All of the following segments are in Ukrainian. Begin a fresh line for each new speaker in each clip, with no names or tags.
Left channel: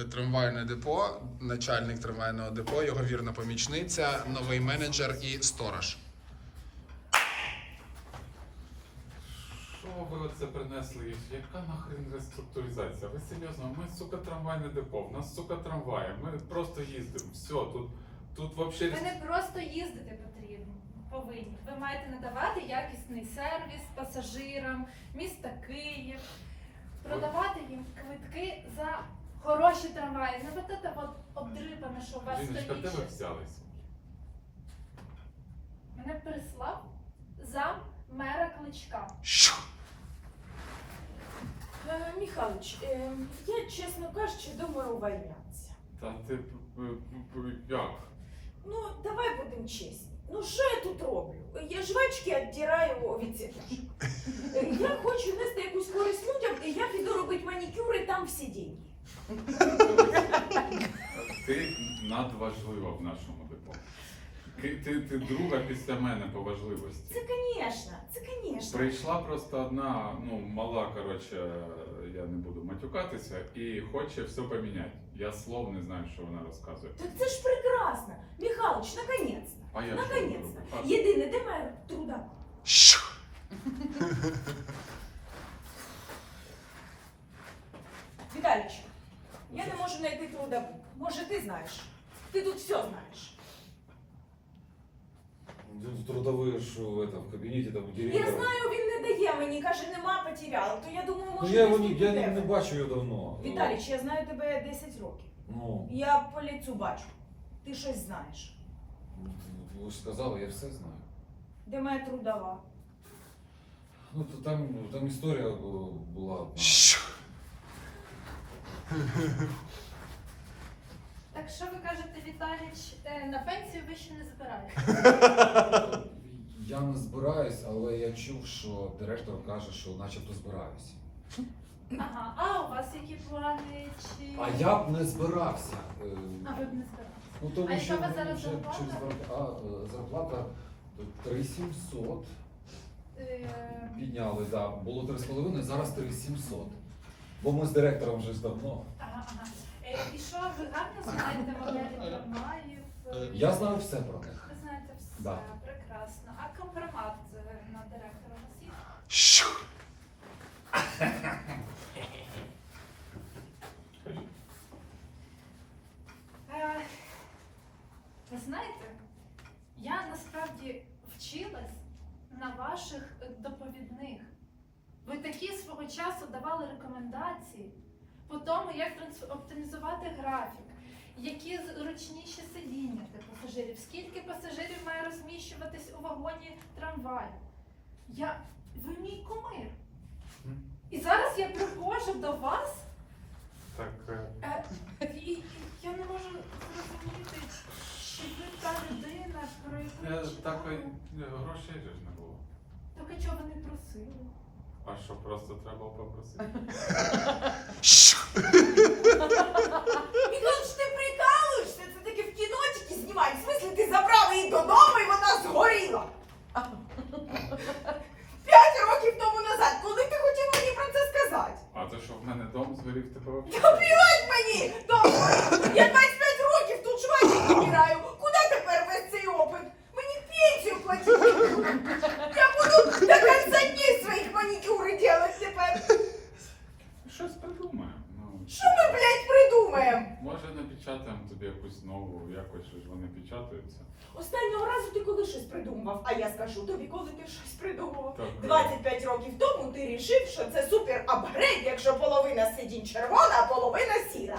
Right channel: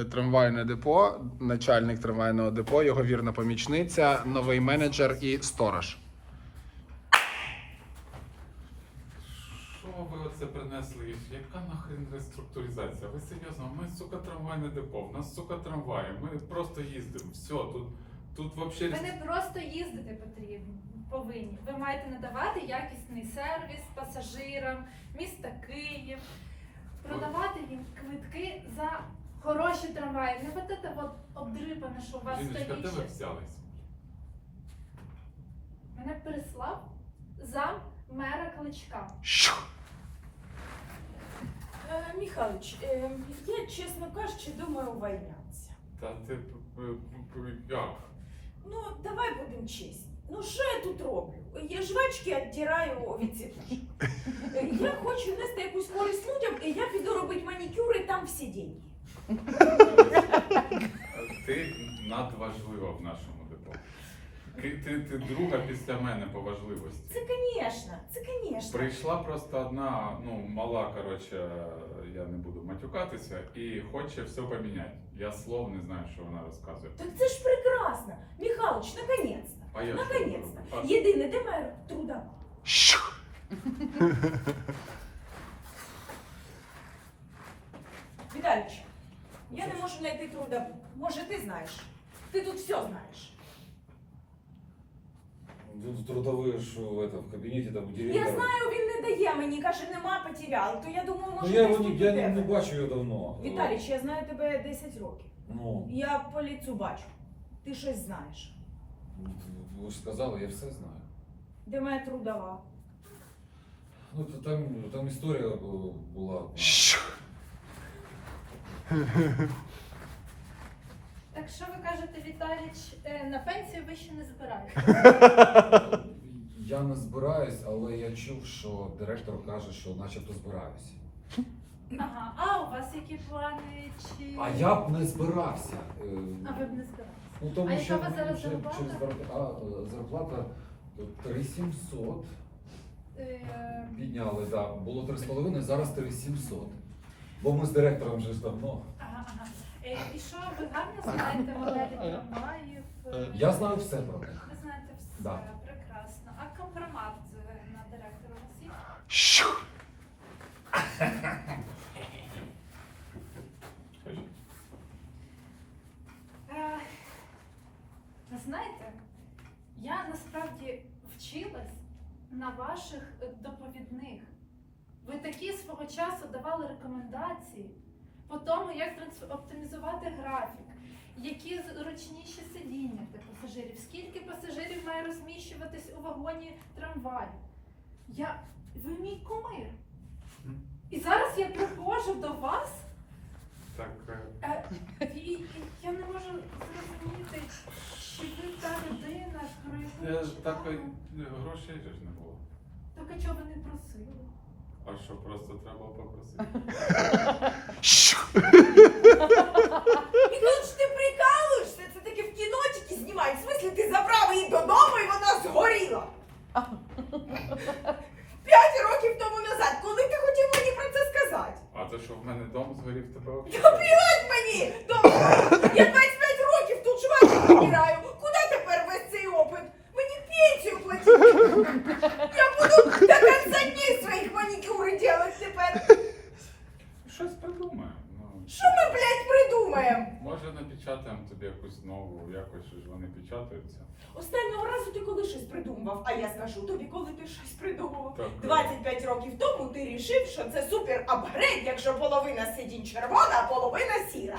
е, трамвайне депо, начальник трамвайного депо, його вірна помічниця, новий менеджер і сторож.
Що ви оце принесли? Яка нахрен реструктуризація? Ви серйозно? Ми, сука, трамвайне депо, в нас, сука, трамваї. Ми просто їздимо. Все, тут, тут вообще...
Ви не просто їздити потрібні, повинні. Ви маєте надавати якісний сервіс пасажирам міста Київ, продавати їм квитки за хороші трамваї. Не вот это вот обдрипане, що у вас
Жіночка, де ви
стоїть.
взялись?
Мене прислав зам мера Кличка.
Що?
Е, Михайлович, е, я, чесно кажучи, думаю увольнятися.
Та ти п- п- п- як?
Ну, давай будемо чесні. Ну, що я тут роблю? Я жвачки віддираю від сіточок. Е, Я хочу нести якусь користь людям, і я піду робити манікюр, і там всі деньги.
Ти надважлива в нашому депо. Ти, ти, ти друга після мене по важливості.
Це, звісно, це, звісно.
Прийшла просто одна, ну, мала, коротше, я не буду матюкатися, і хоче все поміняти. Я слов не знаю, що вона розказує.
Так це ж прекрасно. Михайлович, наконец-то.
А я що роблю? А-
Єдине, де моя труда?
Що?
Віталіч, я не можу знайти трудовик. Може, ти знаєш? Ти тут все знаєш.
Тут трудовые, что это, в кабинете там
Я
директора.
знаю, він не дає мені, каже, нема, потеряли. То я думаю,
Ну,
може,
я
десь
не,
тут
я не,
тебе.
не бачу його давно.
Віталіч, я знаю тебе 10 років.
Ну,
Я по лицю бачу. Ти щось знаєш.
ви ж сказали, я все знаю.
Де моя трудова?
Ну, то там, там історія бу- була. одна.
Так що ви кажете, Віталіч, е, на пенсію ви ще не збираєте?
Я не збираюсь, але я чув, що директор каже, що начебто збираюсь.
Ага, а у вас які плани? Чи...
А я б не збирався. Е,
А ви б не збиралися?
Ну, тому
А
що
яка у вас зараз
вже
зарплата?
через зарплата, а, е, зарплата то 3700
Е,
підняли, да. Було 3,5, зараз 3700. Бо ми з директором вже ж давно.
Ага, ага. Е, І що ви гарно знаєте моделі? Е,
Я знаю все про них.
Ви знаєте все,
Да.
прекрасно. А компромат е, на директора у вас є?
Що?
Е, Ви знаєте, я насправді вчилась на ваших доповідних. Ви такі свого часу давали рекомендації по тому, як оптимізувати графік, які зручніші сидіння для пасажирів, скільки пасажирів має розміщуватись у вагоні трамваю. Я... Ви мій кумир. І зараз я приходжу до вас.
Так, е,
Е, І, і я не можу зрозуміти, чи ви та людина, про яку
я
я
грошей ж не було.
Так а чого ви не просили?
А що просто треба попросити?
Михайлович, ти прикалуєшся? Це таке в кіно тільки знімають. В смислі, ти забрав її додому і вона згоріла. П'ять років тому назад, коли ти хотів мені про це сказати?
А то що в мене дом згорів тебе вообще?
Плювать мені! Добре, я 25 років тут жвачки відбираю. Куди тепер весь цей опит? Мені пенсію платити. Я буду до кінця днів своїх манікюри робити тепер.
Щось придумаємо. Ну,
Що ми, блядь, придумаємо?
Може напечатаємо тобі якусь нову, якось ж вони печатаються.
Останнього разу ти коли щось придумав, а я скажу тобі, коли ти щось придумав.
Так, е,
25 років тому ти рішив, що це супер апгрейд, якщо половина сидінь червона, а половина сіра.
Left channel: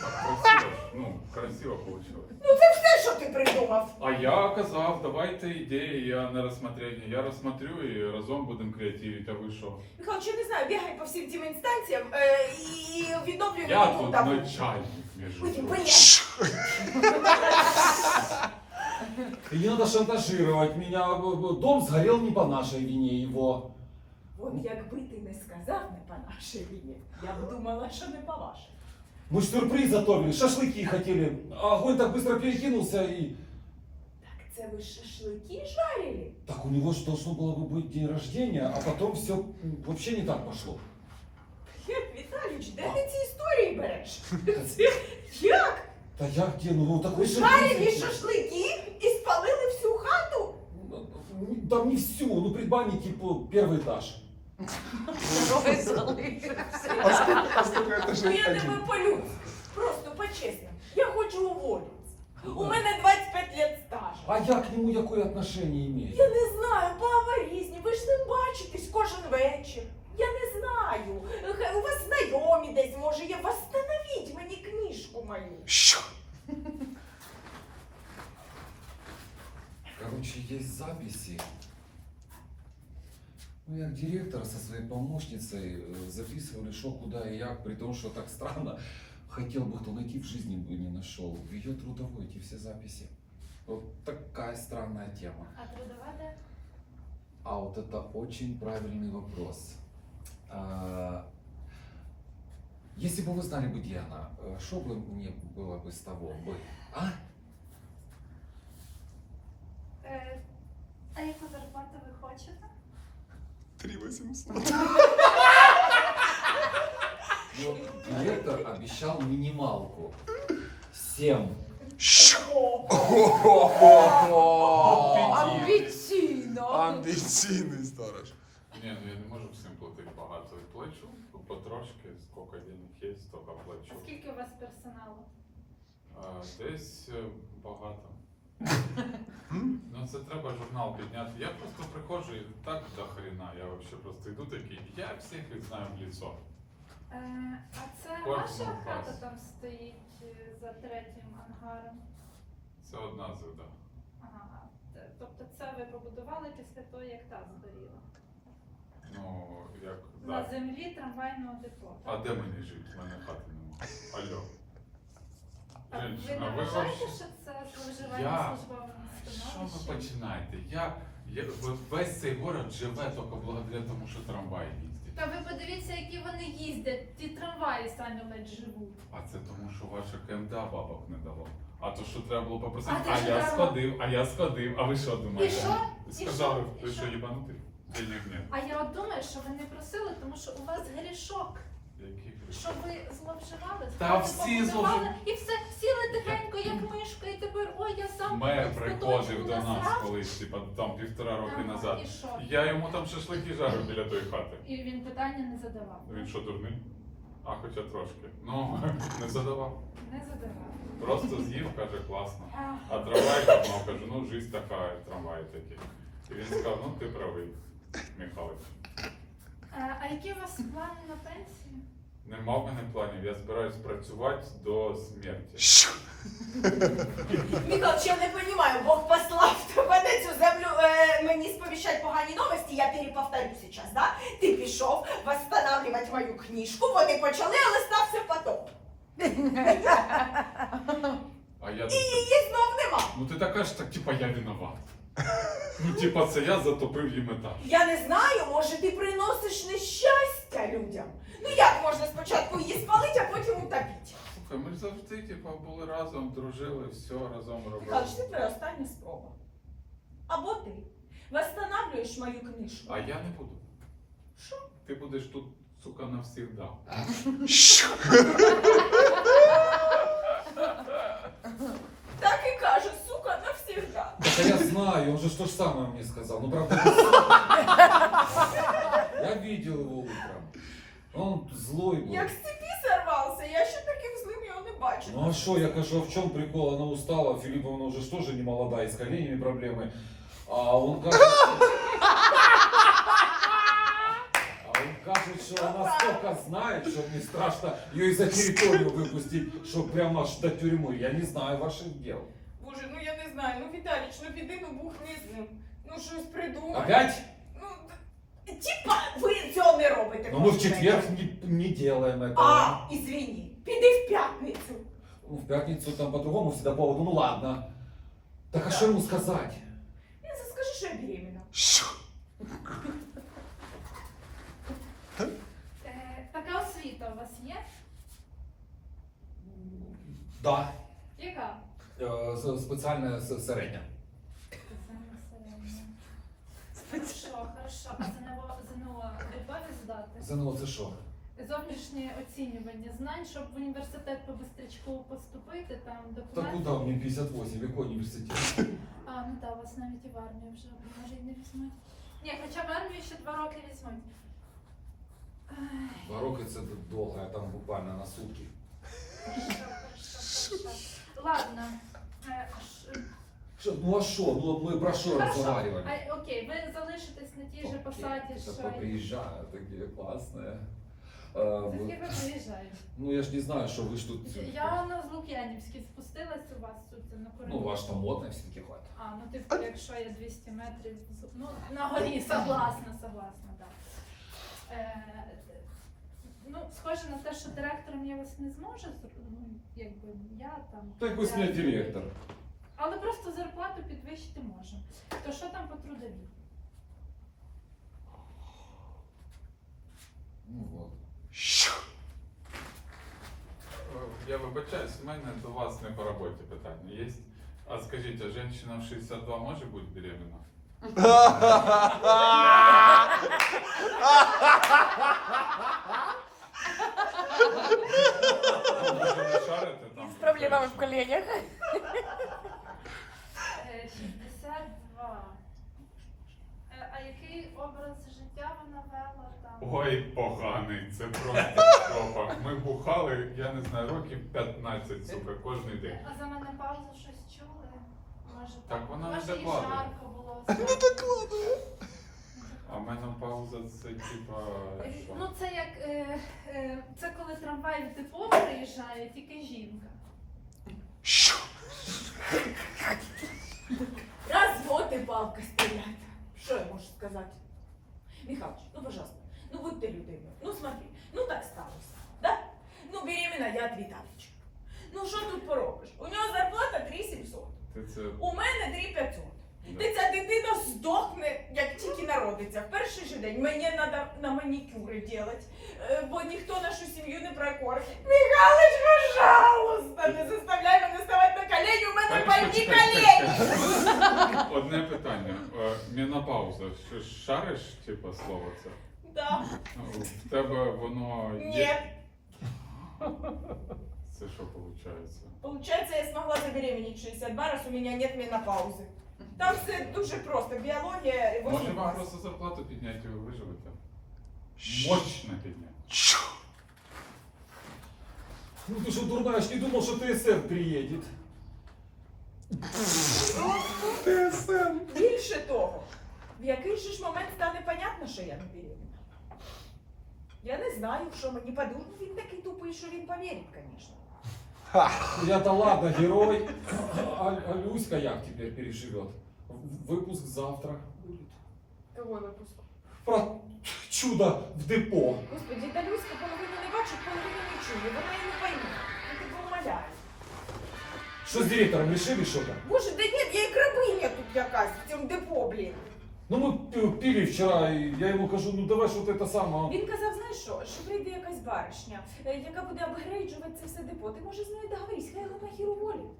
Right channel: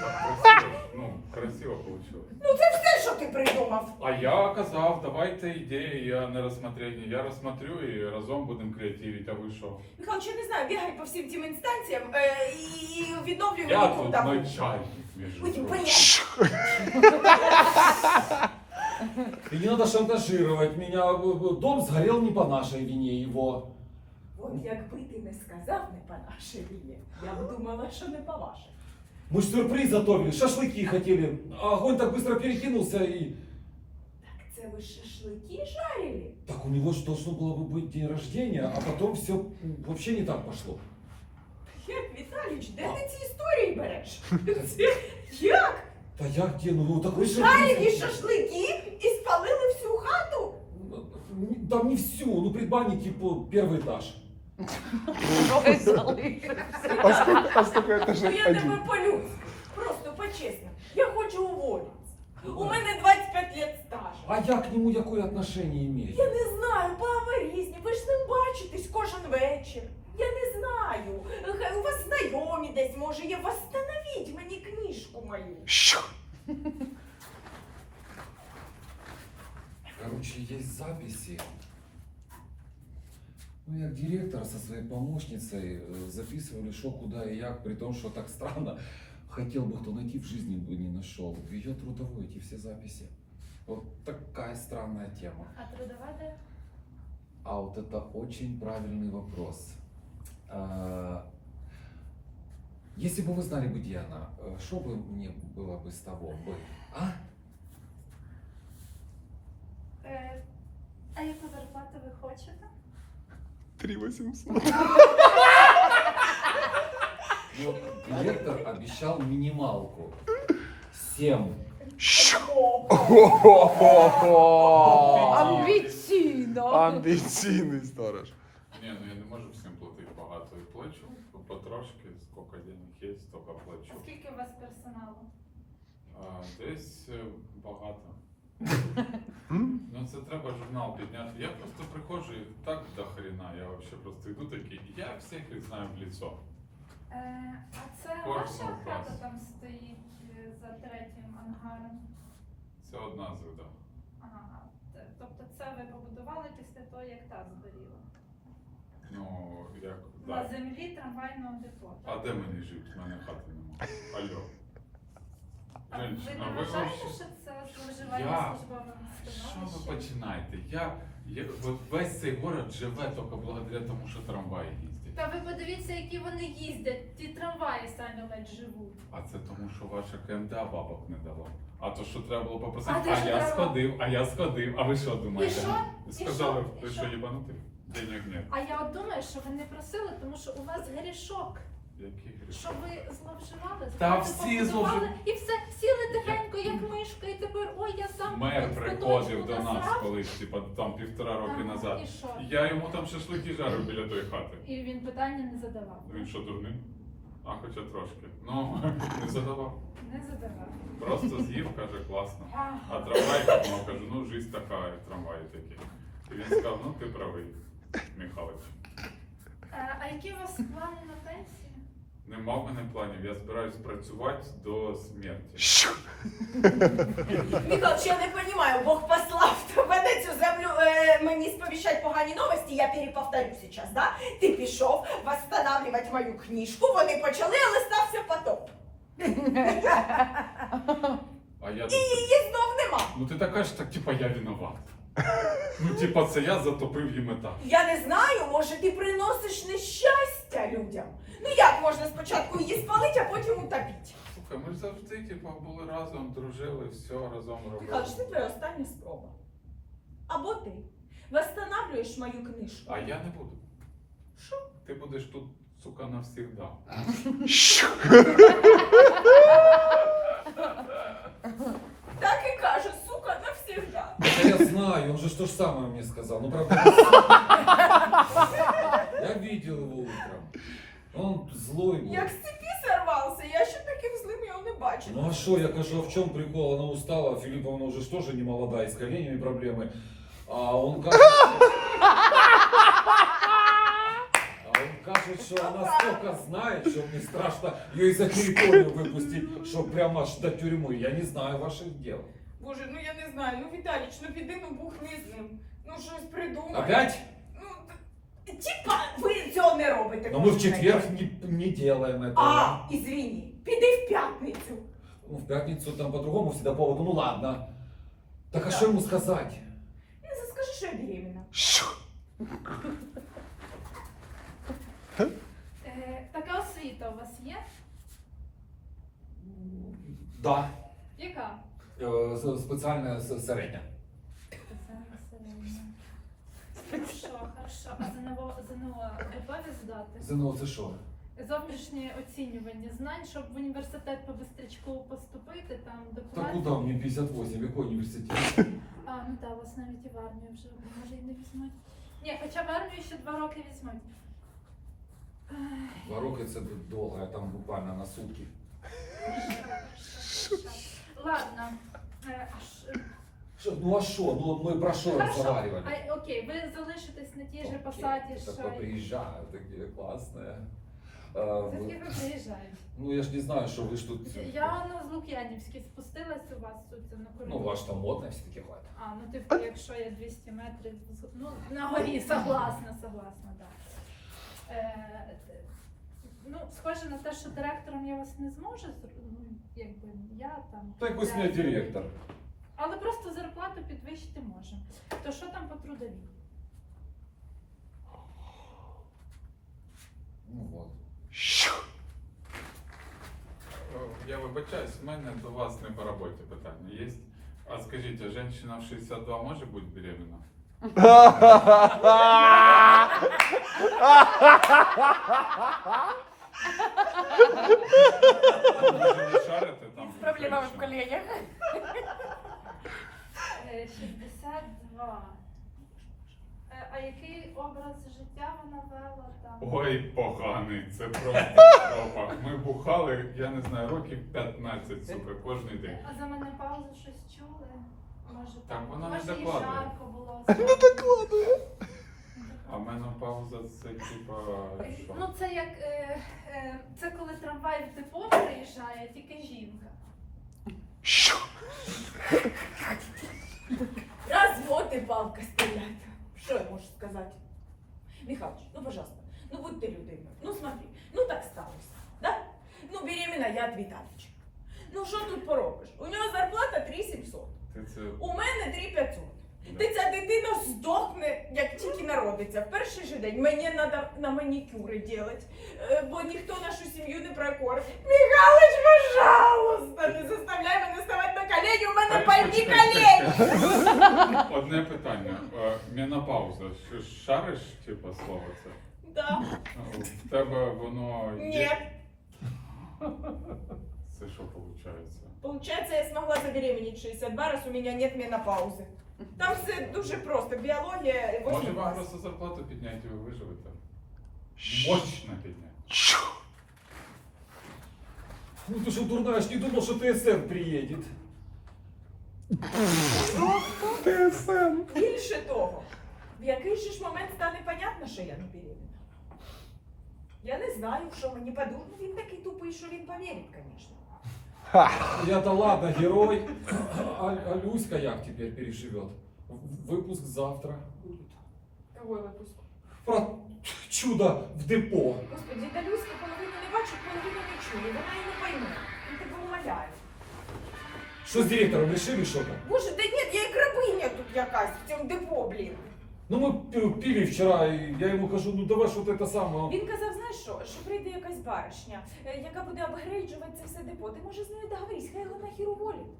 Так красиво, ну, красиво вийшло.
Ну це все, що ти придумав.
А я казав, давайте ідеї, я не розсмотрення. Я розсмотрю і разом будемо креативити, а ви що?
Михайло, я не знаю, бігай по всім цим інстанціям е, і відновлюй
Я тут начальник, між
Ой,
іншим.
блядь.
Що?
И не надо шантажировать меня. Дом сгорел не по нашей вине его.
От якби ти не сказав не по нашій війні, я б думала, що не по вашій.
Мы ж сюрприз готовили, шашлыки хотели. А огонь так быстро перекинулся и...
Так це ви шашлики жарили?
Так у него же должно было бы быть день рождения, а потом все вообще не так пошло.
Віталійович, де ти ці історії береш? Як?
Да я где? Ну, такой же...
Жарені шашлики і спалили всю хату?
Там не всю, ну предбанник типа первый этаж.
А скільки
Ну я тебе по-людськи. Просто по-чесному. Я хочу уволитися. У мене 25 лет стажу.
А я к нему какое отношение имею?
Я не знаю, баба різні, ви ж не бачитесь кожен вечір. Я не знаю. Хай У вас знайомі десь, може, є. Восстановіть мені книжку мою.
Що?
Короче, есть записи. Ну, я директор со своей помощницей э, записывали, что, куда и як, при том, что так странно. Хотел бы кто найти, в жизни бы не нашел. В ее трудовой эти все записи. Вот такая странная тема.
А трудова де?
А вот это очень правильный вопрос. А, Если бы вы знали бы, где она, э, что бы мне было бы с того бы? А?
Е, а яку зарплату ви хочете?
3800.
Ну, Вот директор обещал минималку. Семь.
Що?
Амбіційно.
Амбіційний сторож.
Ні, ну я не можу всім платити багато. Плачу потрошки, скільки денег є, стільки плачу.
А скільки у вас персоналу?
А, десь е, багато. Ну це треба журнал підняти. Я просто приходжу і так до хрена. Я вообще просто йду такий, я всіх їх знаю в лицо.
Е, а це
Кожного
ваша хата
класу.
там стоїть е, за третім ангаром?
Це одна зуда.
Ага. Т- Тобто це ви побудували після того, як та згоріла?
Ну, як
На
так.
землі трамвайного депо.
А де мені жити? В мене хати немає. Алло.
А ви
Женщина,
не
ви
вважаєте,
вообще-
що це зловживання
Я?
службовим
Що ви
становищем?
починаєте? Я, я ви- весь цей город живе тільки благодаря тому, що трамваї їздять.
Та ви подивіться, які вони їздять. Ті трамваї самі ледь живуть.
А це тому, що ваша КМДА бабок не дала. А то, що треба було попросити,
А
а,
ж
я сходив, а я сходив. А ви що думаєте?
І що?
Сказали,
І
ви
що?
що їбанути? Денег нет.
А я от думаю, що ви не просили, тому що у вас грішок.
Який гріх?
Що ви зловживали?
Та
хату
всі
побудували, І все, сіли тихенько, як мишка, і тепер ой, я сам
Мер приходив до нас
насрав.
колись, типа там півтора роки
Ага,
назад.
І що?
Я йому там шашлики жарив біля тої хати.
І він питання не задавав.
Він що, дурний? А хоча трошки. Ну, не задавав.
Не задавав.
Просто з'їв, каже, класно. А трамвай ну, кажу, ну жизнь така, і трамваї такі. І він сказав, ну ти правий, Михайлович.
Е, А які у вас плани на пенсію?
Нема в мене планів, я збираюсь працювати до смерті.
Що?
Михайлович, я не розумію, Бог послав тебе на цю землю е, мені сповіщать погані новості, я переповторю зараз, да? Ти пішов восстанавливать мою книжку, вони почали, але стався потоп.
А я
І
тут.
її знов нема.
Ну ти така ж так, типа, я виноват. Ну, типа, це я затопив їм етаж.
Я не знаю, може ти приносиш нещастя людям. Ну як можна спочатку її спалити, а потім утопити?
Слухай, ми ж завжди, типа, були разом, дружили, все разом робили.
Михайлович, це твоя остання спроба. Або ти восстанавливаєш мою книжку.
А я не буду.
Що?
Ти будеш тут, сука, навсігда.
Так і каже, сука, навсегда.
Так я знаю, он же то же самое мне сказал. Ну, правда, я видел его утром. Он злой был.
Як з цепі сорвався, я ще таким злим його не бачила.
Ну а что, я кажу, а в чем прикол? Она устала, Филипповна уже ж тоже не молодая, с коленями проблемы. А он кажет... А он кажет, что она столько знает, что мне страшно ее из-за территорию выпустить, что прямо аж до тюрьмы. Я не знаю ваших дел.
Боже, ну я знаю, ну Віталіч, ну піди, ну бухни з ним. Ну щось придумай.
Опять?
Ну, т- типа, ви цього не робите.
Но мы в
кожен
четверг
день.
не, не делаем этого.
А, извини, піди в п'ятницю.
Ну, в пятницу там по-другому всегда поводу. Ну ладно. Так а
Да.
что ему сказать?
Він скажи, що я беременна.
Що?
Е, Така освіта у вас є?
Да.
Яка?
С- специальная.
Спеціальна середня. Хорошо, хорошо. А ЗНО, ЗНО готові здати?
ЗНО це що?
зовнішнє оцінювання знань, щоб в університет по бистрячку поступити, там
Да
документи.
куда мне 58, какой университет?
А, ну так, вас навіть і в армію вже може і не візьмуть. Ні, хоча в армію ще два роки візьмуть. Ай,
Два роки це довго, а там буквально на сутки.
хорошо, хорошо, хорошо. Ладно. Е,
Що, ну а що? Ну ми про що
Хорошо.
розговорювали?
А, окей, ви залишитесь на тій же посаді,
так
що.
поприезжаю, такі класні. Е,
Звідки
ви-
ви приїжджаєте?
Ну я ж не знаю, що ви ж тут.
Я на з Лук'янівській спустилась у вас тут на коридорі.
Ну, ваш там модно все-таки ходить.
А, ну типу, якщо я 200 метрів, ну, на горі, согласна, согласна, да. Е, ну, схоже на те, що директором я вас не зможу, зр- ну, якби я там.
Так ви з
я-
директор.
Але просто зарплату підвищити можемо. То що там по трудовій?
Ну вот.
Е, Я вибачаюсь, у мене до вас не по роботі питання є. А скажіть, а жінка в 62 може бути беременна? Ну, Може там?
С проблемами в коленях.
Е, 62. Е, А який образ життя вона вела там?
Ой, поганий, це просто жопа. Ми бухали, я не знаю, років 15, сука, кожен день.
А за мене паузу щось чули? Може
Так вона не
може і
докладує.
жарко було. Не докладує.
А менопауза це типа що?
Ну це як е, е, це коли трамвай в депо приїжджає, тільки жінка.
Развод и палка стоят. Что я можу сказать? Михалыч, ну пожалуйста, ну будь ты людиною. Ну смотри, ну так сталося, да? Ну беременна я от Віталіча. Ну що тут поробиш? У нього зарплата 3700,
Ти це
у мене 3500. Ти ця дитина здохне, як тільки народиться. В перший же день мені треба на манікюри робити, бо ніхто нашу сім'ю не прокормить. Михалыч, пожалуйста, не заставляй мене ставати на колені, у мене пальні колені.
Одне питання. Е, Менопауза. Що шариш, типа слово це?
Да.
В тебе воно є. Це що виходить?
Получается, я смогла забеременеть 62 раз, у меня нет менопаузы. Там все дуже просто. Біологія і
Може
8
вам просто зарплату підняти і ви виживете? Мощно підняти.
Ну ты что, ж не думал, что ТСМ приедет.
Більше того, в який же ж момент стане понятно, що я не беременна. Я не знаю, що мені подумав. Ну, він такий тупий, що він повірить, звісно.
Я-то ладно, герой. А, а Люська як теперь переживет? В- Выпуск завтра.
Какой випуск?
Про чудо в депо.
Господи, та Люська половину не бачить, половину не чує. Вона і не пойме. Я тебе умоляю.
Что с директором решили что-то?
Боже, да ні, я як рабиня тут якась в цьому депо, блін.
Ну мы п- пили вчера, и я ему кажу, ну давай что-то это самое.
Він казав, знаєш що, що прийде якась баришня, е, яка буде апгрейджувати це все депо. Ти може з нею договорись, хай його нахер уволить.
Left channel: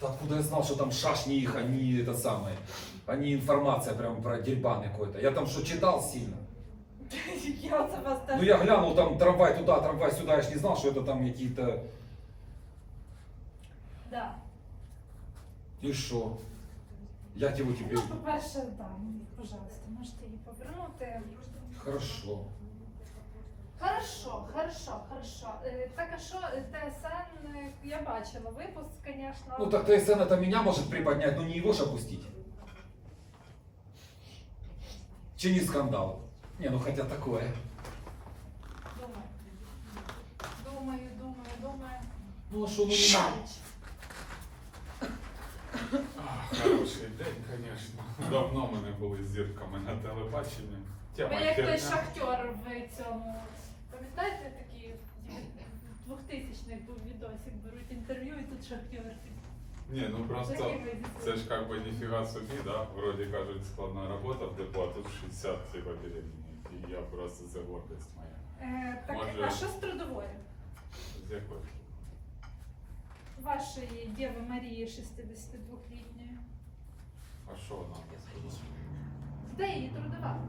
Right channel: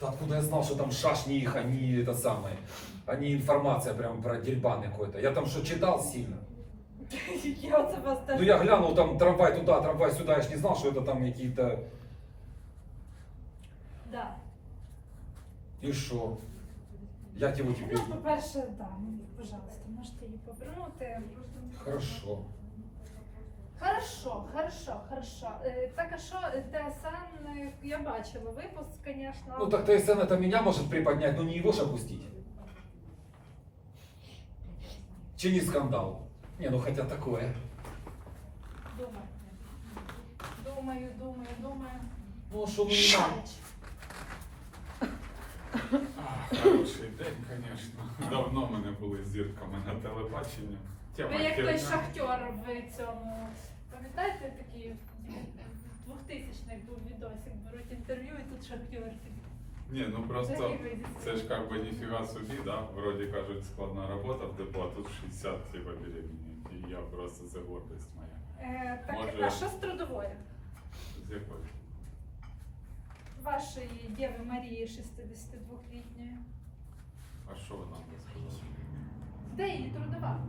Да откуда я знал, что там шашни их, они это самое, они информация прям про дерьбан какой-то. Я там что, читал сильно?
Я оце вас теж.
Ну я глянул там трамвай туда, трамвай сюда, я ж не знал, что это там какие-то...
Да.
И что? Як его теперь?
Ну, по-перше, да, ну, пожалуйста, можете її повернути.
Хорошо.
Хорошо, хорошо, хорошо. Е, Так, а що е, ТСН, е, я бачила випуск, звісно.
Ну так ТСН это меня может приподнять, но не его же опустить. Чини скандал. Не, ну хотя такое.
Думаю. Думаю, думаю, думаю.
Ну а что, ну не
Шарич.
А, хороший день, звісно. Давно ми не були зірками на телебаченні.
Ви як той
херня.
шахтер в цьому. Пам'ятаєте такі в 2000-х був відосик, беруть інтерв'ю і тут шахтер.
Ні, ну просто це ж как бы ніфіга собі, да? Вроді кажуть, складна робота в депо, а тут 60 типа беременні. І я просто це гордість моя.
Е, так,
Може-
а що з трудовою?
З якої?
Вашої Дєви Марії 62-літньої.
А що вона сказала?
Де її трудова?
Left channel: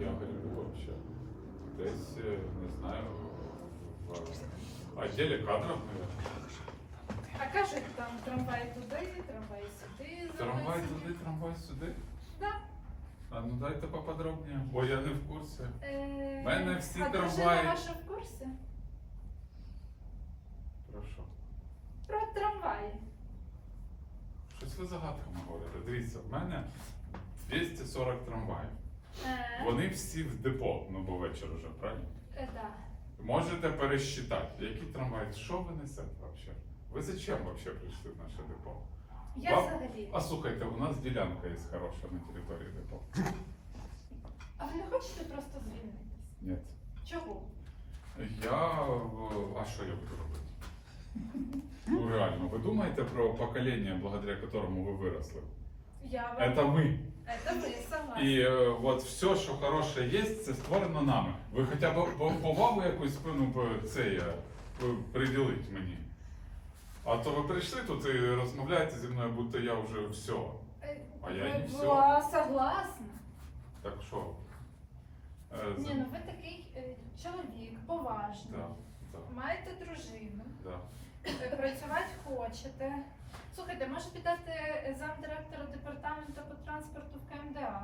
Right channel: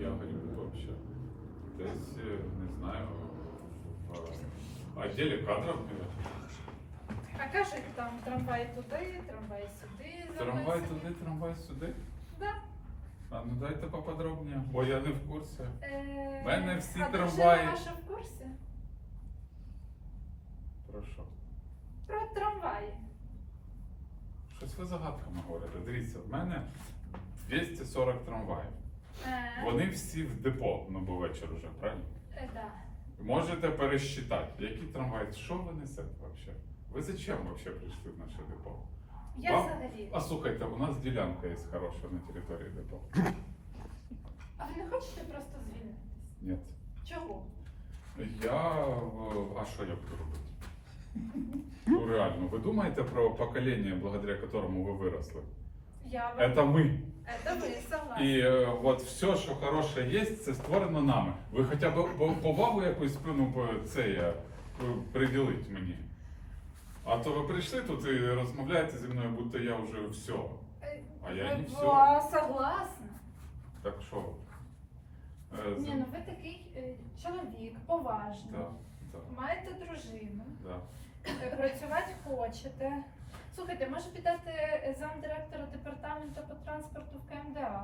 Я грибу вообще. Десь, е, не знаю, в кадров, наверное.
А кажуть, там трамвай туди, трамвай сюди.
Трамвай туди, трамвай сюди.
Да.
А ну дайте поподробніше, бо я не в курсі.
Е,
Мене всі
а
трамваї-
ваша в курсі?
Про що?
Про трамваї.
Щось ви загадками говорите. Дивіться, в мене 240 трамваїв.
Е,
Вони всі в депо, ну бо вечір вже, правильно?
е, да.
Можете пересчитати, які трамваї, що ви несете взагалі? Ви зачем вообще прийшли в наше депо?
Я
Вам-
взагалі.
А слухайте, у нас ділянка є хороша на території депо.
А ви не хочете просто звільнитись?
Ні.
Чого?
Я. е, А що я буду робити? Ну реально, ви думаєте про покоління, благодаря которому ви виросли?
Я вам...
Это ми.
Это ви, согласна.
І е, от все, що хороше є, це створено нами. Ви хоча б б- повагу якусь ну, б- це я, приділіть мені. А то ви прийшли тут і розмовляєте зі мною, будто я вже все.
Е,
А я
ви-
не
ну,
всё.
а согласна.
Так що? Е,
Ні,
з-
ну ви такий е, чоловік, поважний.
да, да,
Маєте дружину,
да.
працювати хочете. Слухайте, може піддати е, замдиректора департаменту по транспорту в КМДА?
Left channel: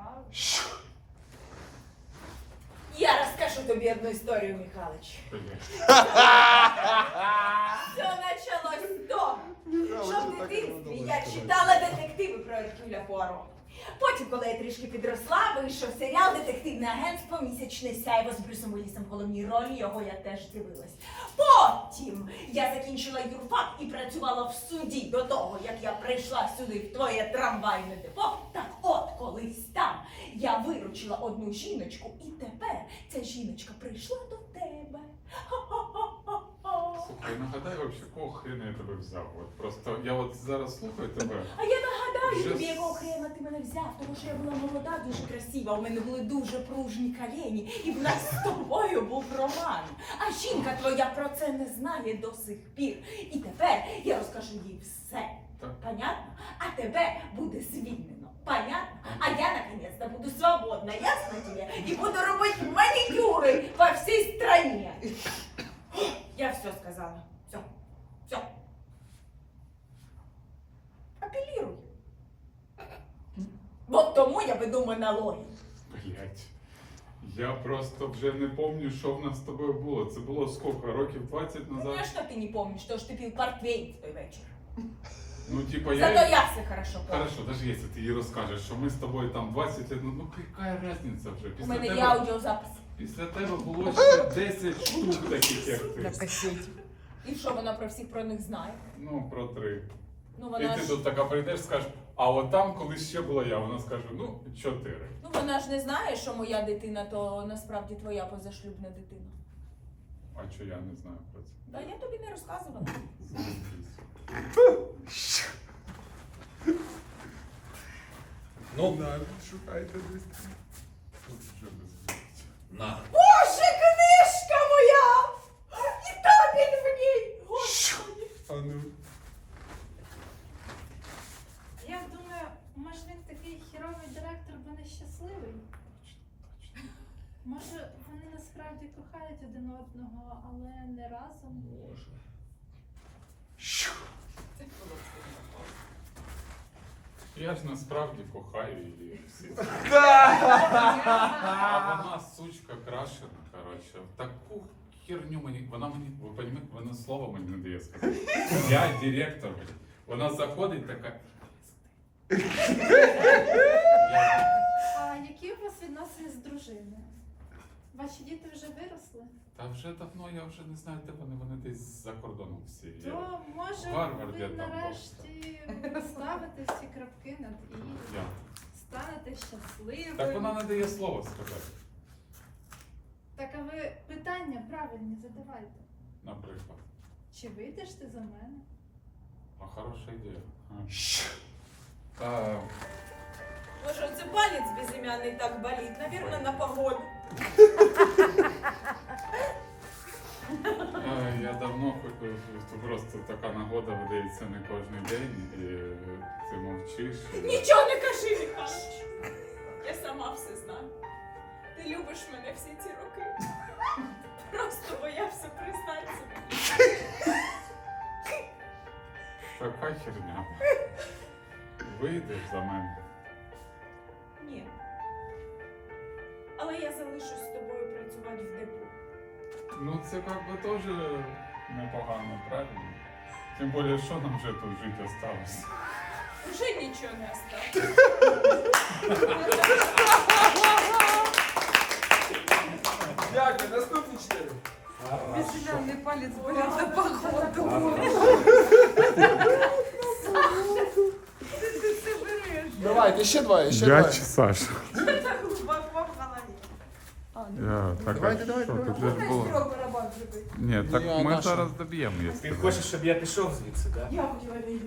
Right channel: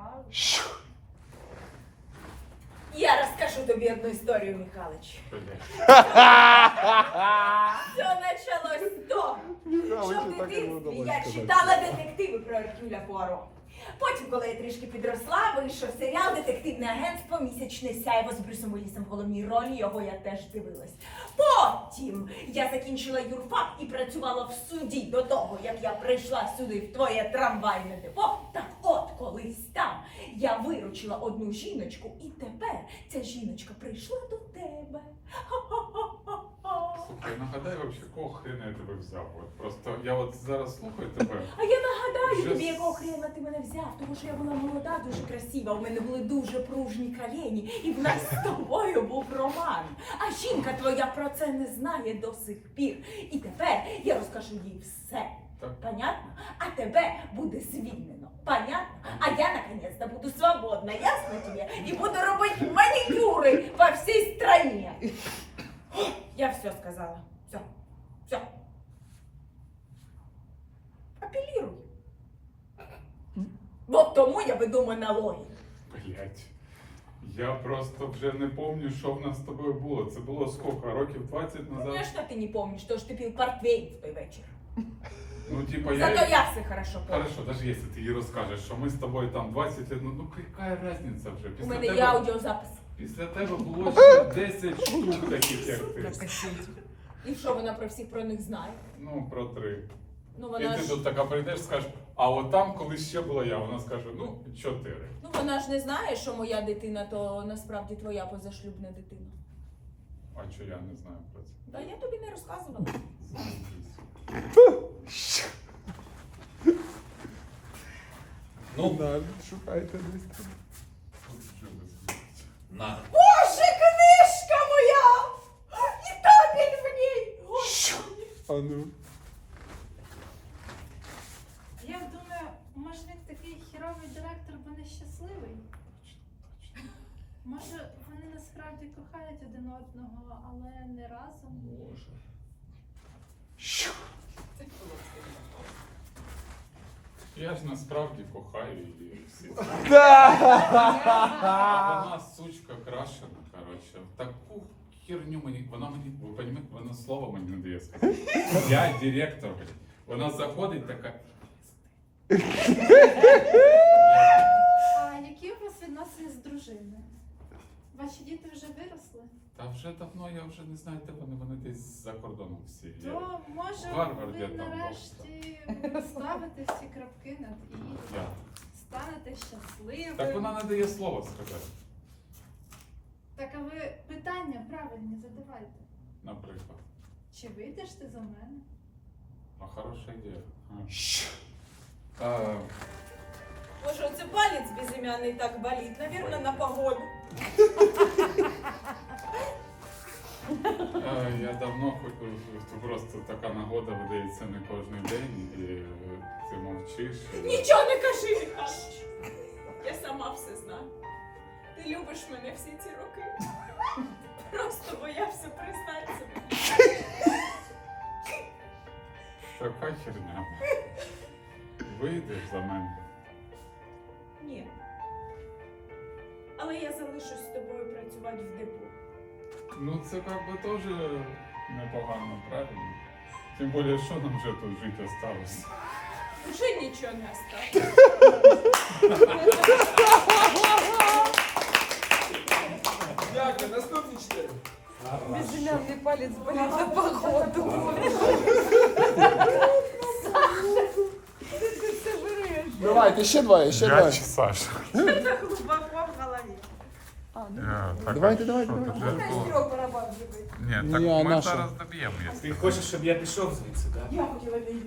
Я розкажу тобі одну історію, Михайлович. Все почалось з того, що в дитинстві я читала детективи про Еркюля Пуаро. Потім, коли я трішки підросла, вийшов серіал Детективне агентство Місячне сяйво з Брюсом Уіллісом в головній ролі. Його я теж дивилась. Потім я закінчила юрфак і працювала в суді до того, як я прийшла сюди в твоє трамвайне депо. Так от колись там я виручила одну жіночку, і тепер ця жіночка прийшла до тебе.
Слухай, нагадай вообще, кого хрена я тебе взяв? От просто я от зараз слухаю тебе.
А я нагадаю
Вже
тобі, якого хрена ти мене взяв, тому що я була молода, дуже красива, у мене були дуже пружні колені, і в нас з тобою був роман. А жінка твоя про це не знає до сих пір. І тепер я розкажу їй все. Понятно? А тебе буде звільнено. Понятно? А я наконец-то буду свободна, ясно тебе? І буду робити манікюри по всій стране. Я все сказала. Все. Все. Апеллируй. Вот тому я веду монологи.
Блять. Я просто вже не пам'ятаю, що в нас з тобою було. Це було скільки? Років 20 назад?
Конечно, ты не помнишь, что ж ты пил портвейн в той вечір.
Ну, типа, я.
Зато я все хорошо помню.
Хорошо, даже если ты ей розкажеш, що ми з тобою там 20 лет, ну, ну яка разниця вже?
У
Після
мене
тебе,
є аудіозапис.
після тебе було ще 10 штук таких, як ти.
І що вона про всіх про них знає?
Ну, про три.
Ну
І
вона
ти
ж
тут така прийдеш, скажеш, а от там колись ще була я, вона скаже, ну, чотири.
ну вона ж не знає, що моя дитина то насправді твоя позашлюбна дитина.
А що я не знаю про це?
Та я тобі не розказувала.
Ну,
Шукайте
на.
Боже, книжка моя! І табель в ній! Господи!
А ну.
Я думаю, може він такий хіровий директор, бо нещасливий. Може, вони насправді кохають один одного, але не разом.
Боже.
Я ж насправді кохаю її всі. А вона сучка крашена, коротше. Таку херню мені. Вона мені, ви розумієте, вона слова мені не дає сказати. Я директор. блін. Вона заходить така.
Вас відносини з дружиною? Ваші діти вже виросли?
Та вже давно я вже не знаю, де вони, вони десь за кордоном всі. Я-
То може ви
там
нарешті ставите всі крапки над і
Я.
станете щасливим.
Так вона не дає слова сказати,
Так а ви питання правильні задавайте.
наприклад.
Чи вийдеш ти за мене?
А хороша ідея. А. А,
Боже, оце палець безім'яний так болить, навірно, на погоду.
Е, Я давно хотів, просто така нагода видається не кожен день, і е, ти мовчиш. і
Нічого не кажи, Михайлович. Я сама все знаю. Ти любиш мене всі ці роки. Просто боявся признатися.
Така херня. Вийдеш за мене.
Ні. Але я залишусь з тобою працювати в депо.
Ну це как би теж непогано, правильно? Тим більше, що нам вже тут жити осталось.
Уже нічого не осталось.
Дякую, наступні чотири.
Безымянный палец болел до походу.
Давайте, ще двоє, ще двоє.
Саша?
Глубоко в голове.
Давайте, давайте.
Трёх барабан
Ні, так
Ні,
ми
наша.
зараз доб'ємо, якщо.
Ти хочеш, щоб я пішов звідси, так?
Я хотіла війни.